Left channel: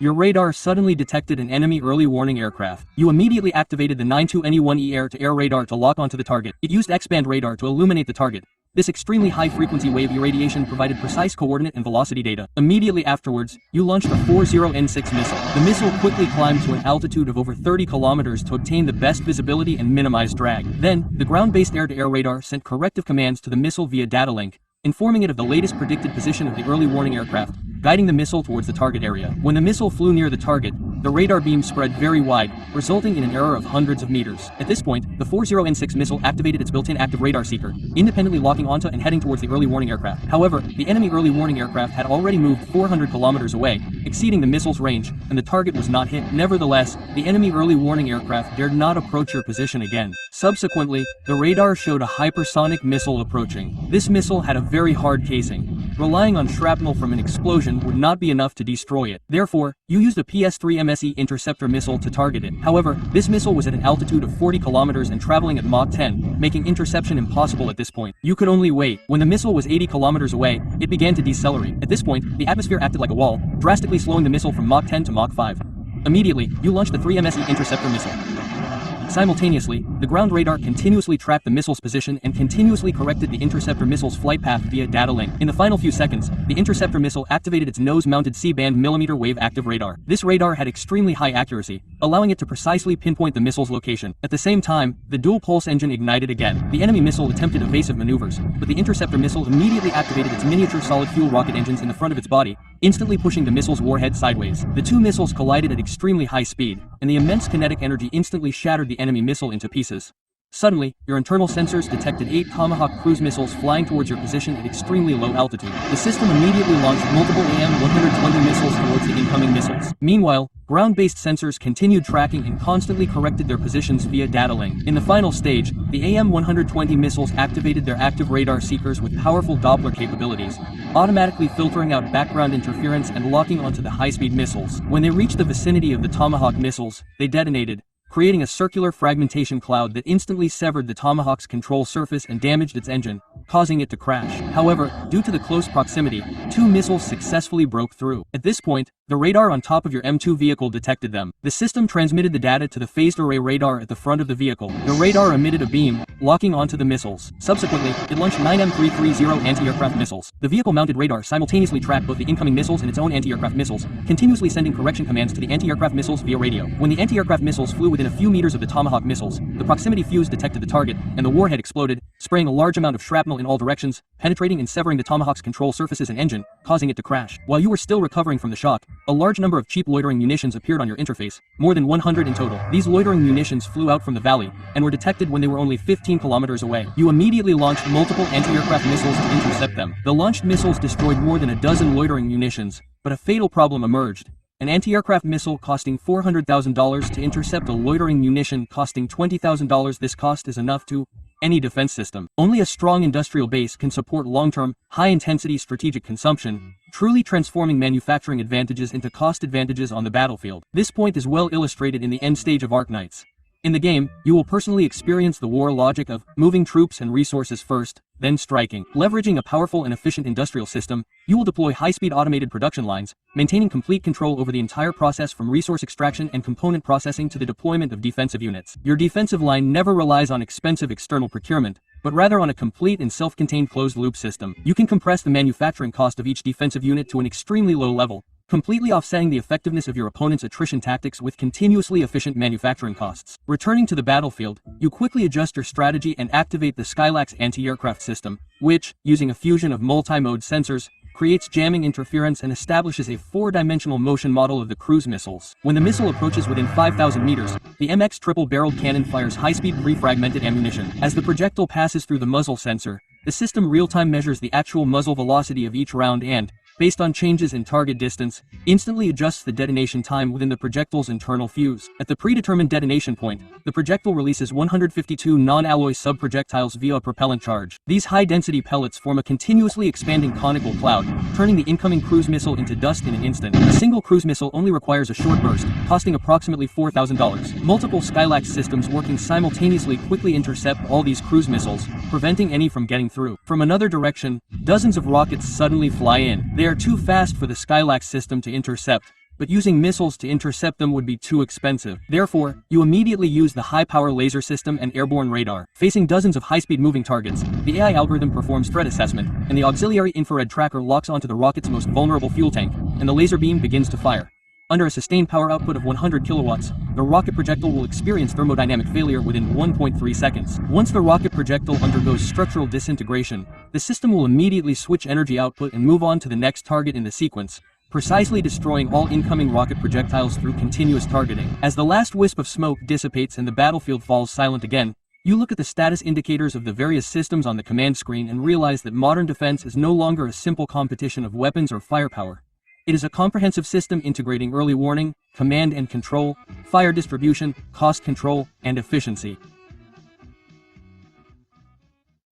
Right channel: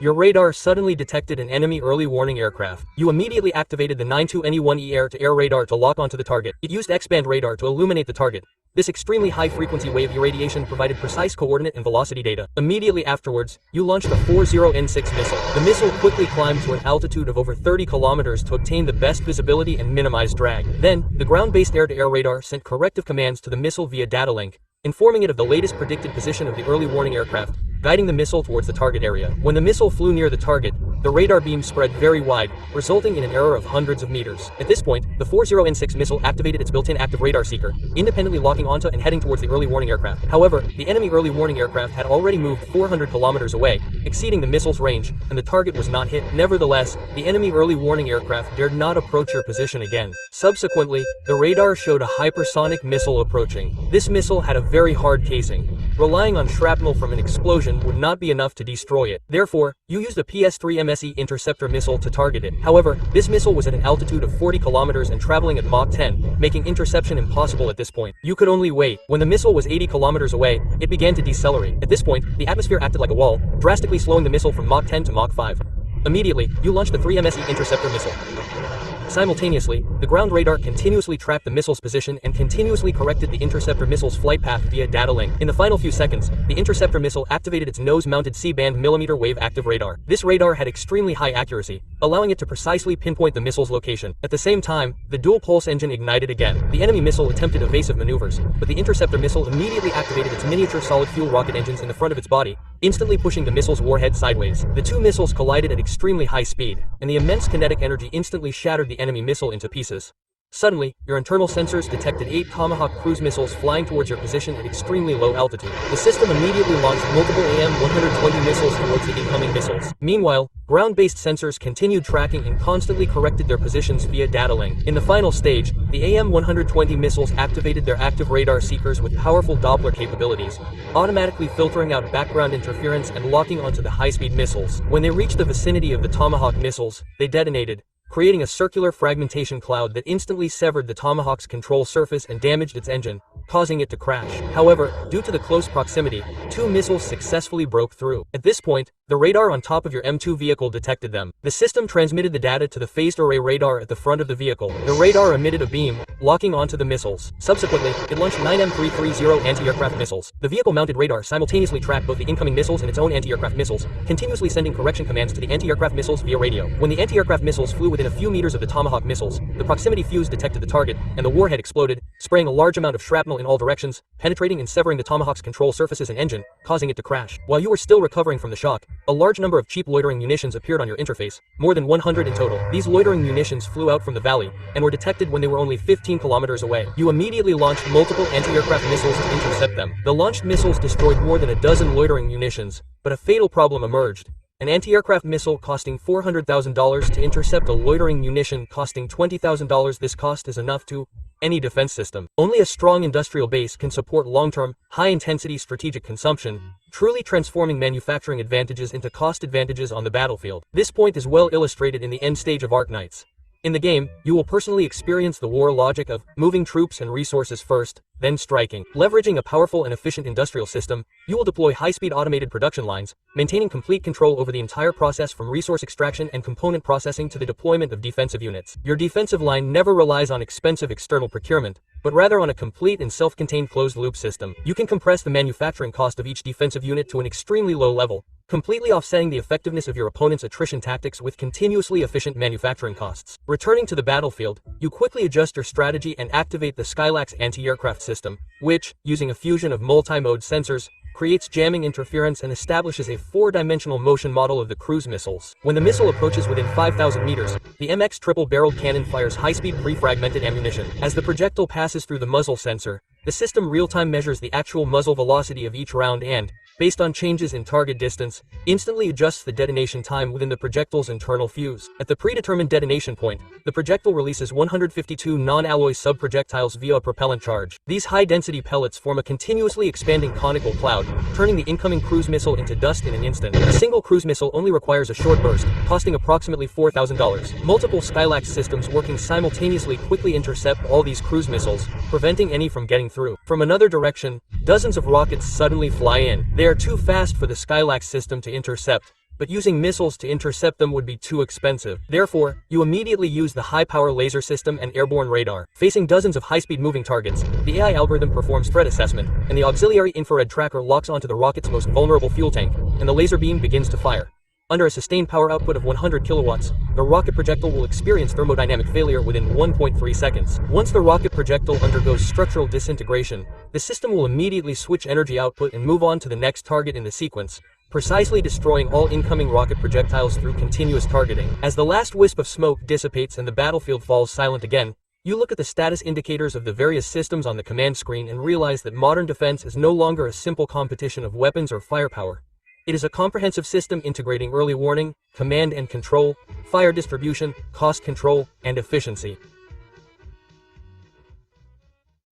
Your radar suddenly detected an enemy early warning aircraft. You immediately activated the 92NE-1E air-to-air radar to lock onto the target. It used X-band radar to illuminate the target. This extremely high-frequency wave irradiation provided precise coordinate and velocity data. Immediately afterwards, you launched a 40N6 missile. The missile quickly climbed to an altitude of over 30 kilometers to obtain the best visibility and minimize drag. Then, the ground-based air-to-air radar sent corrective commands to the missile via data link, informing it of the latest predicted position of the early warning aircraft, guiding the missile towards the target area. When the missile flew near the target, the radar beam spread very wide, resulting in an error of hundreds of meters. At this point, the 40N6 missile activated its built-in active radar seeker, independently locking onto and heading towards the early warning aircraft. However, the enemy early warning aircraft had already moved 400 kilometers away, exceeding the missile's range, and the target was not hit. Nevertheless, the enemy early warning aircraft dared not approach your position again. Subsequently, the radar showed a hypersonic missile approaching. This missile had a very hard casing. Relying on shrapnel from an explosion would not be enough to destroy it. Therefore, you used a PS-3 interceptor missile to target it. However, this missile was at an altitude of 40 kilometers and traveling at Mach 10, making interception impossible at this point. You could only wait. When the missile was 80 kilometers away, it began to decelerate. At this point, the atmosphere acted like a wall, drastically slowing the missile from Mach 10 to Mach 5. Immediately, you launched the 3 interceptor missile. Simultaneously, the ground radar continuously tracked the missile's position and continuously corrected the interceptor missile's flight path via data link. In the final few seconds, the interceptor missile activated its nose-mounted C-band millimeter wave active radar. This radar had extremely high accuracy, allowing it to precisely pinpoint the missile's location. At the same time, the dual-pulse engine ignited again. The enemy missile attempted evasive maneuvers, but the interceptor missile immediately activated its miniature solid-fuel rocket engines in the front of its body, instantly pushing the missile's warhead sideways. The two missiles collided at extremely high speed, and the immense kinetic energy instantly shattered the enemy missile into pieces. Suddenly, your internal sensors detected 8 Tomahawk cruise missiles flying towards your position at extremely low altitude. The system immediately launched multiple AM-120 missiles towards the incoming missiles. Meanwhile, ground-based sensors continued tracking and constantly corrected their positions via data link. In the final stage, the AM-120 missiles activated their active radar seekers with powerful Doppler capabilities, automatically filtering out background interference and locking onto the high-speed missiles. When they reached the vicinity of the Tomahawk missiles, they detonated, creating a circular fragmentation cloud that instantly severed the Tomahawk's control surface and damaged its engine, causing it to crash. However, due to the close proximity, 2 missiles successfully broke through. At this point, the radar on top of your M2 vehicle detected them. The system transmitted the data to the phased array radar at the front of the vehicle. The radar emitted a beam, locking onto the missiles. Subsequently, it launched 9 M330 anti-aircraft missiles. The vehicle-mounted radar simultaneously tracked both the incoming missiles and its own anti-aircraft missiles, continuously sending correction commands to the anti-aircraft missiles via radio. When the anti-aircraft missiles flew within a few meters of the Tomahawk missiles, the proximity fuse detected the target, and the warhead exploded, spraying a large amount of shrapnel in all directions, penetrating and severing the Tomahawk's control surfaces and engine, causing it to crash. While you were still recovering from the shock, a large number of cheap loitering munitions appeared on your interface, more than 100 in total. These loitering munitions flew out from the valley, and were detected when they were only 15 kilometers away. You immediately launched multiple anti-aircraft missiles to intercept them. The launched missiles destroyed more than a dozen loitering munitions, but a fatal problem emerged. An anti-aircraft missile costing $400,000 to intercept a loitering munition costing $20,000. This cost is enough to any defense system. Only a strong industrial base can support long-term, high-intensity strategic consumption, truly transforming manufacturing advantages into cost advantages on the battlefield. This point is well illustrated in the end stage of Arknights. In the game, you will personally experience the war logic of moving troops and resources first, then striking. Leveraging a powerful and efficient industrial system, you will deploy high-speed automated production lines, maintaining complete control over the entire process from resource extraction and component processing to the deployment of defensive units. Your defensive line never relies on expensive external procurement, but rather on a complete and self-contained closed-loop system. You can compress the manufacturing cost of each defensive unit to an extremely low level, completely offsetting the effectiveness of your opponent's attrition tactics with continuously efficient manufacturing costs. Returning to the battlefield, you quickly adjust your strategy and activate the Skylax anti-aircraft system, which, using a fusion of multi-mode sensors, creates jamming interference and establishes a 4-dimensional motion model of the cruise missiles. When the missile approaches within 5,000 meters, the MX triple-barreled cannon fires high-speed pre-fragmented ammunition. As the projectile passes through the muzzle sensor, the system real-time measures the actual muzzle velocity of each round and, based on changes in target distance, instantly adjusts the detonation time within the projectile's internal fuse. At the predetermined detonation point, the projectile releases 152 non-alloy sub-projectiles via a propellant charge. These high-density pellets form a continuously expanding conical cloud, turning the incoming cruise missile into dust in an instant. A single cruise missile only requires a short burst, costing approximately $4,000. Multiple Skylax systems working simultaneously quickly intercept all these cruise missiles, preventing any from getting through. From another direction, dozens of rockets suddenly fly in. They are too fast for the Skylax system to intercept, but using missiles to intercept them would be too expensive. Therefore, you immediately use the high-power laser system and airborne radar. Facing dozens of high-speed moving targets, the AI algorithm performs threat assessment, and the auxiliary infrared tracker locks onto the rocket's most vulnerable fuel tank, and the laser beam begins to fire. Under a sustained power output of 100 kilowatts, the rocket projectile will experience thermodynamic failure within 1.3 seconds. Once the rocket projectile undergoes structural disintegration, the system will immediately switch energy output and move on to the next target in the sequence, precisely destroying all incoming rocket projectiles through continuous targeting. As the last wisp of smoke dissipates and the battlefield falls silent again, you look at the status indicators of the various systems on the command screen and realize that modern defense is no longer a simple competition of weapons or firepower. It is a comprehensive system integrating early warning, command and control, fire distribution, cost control, and efficiency.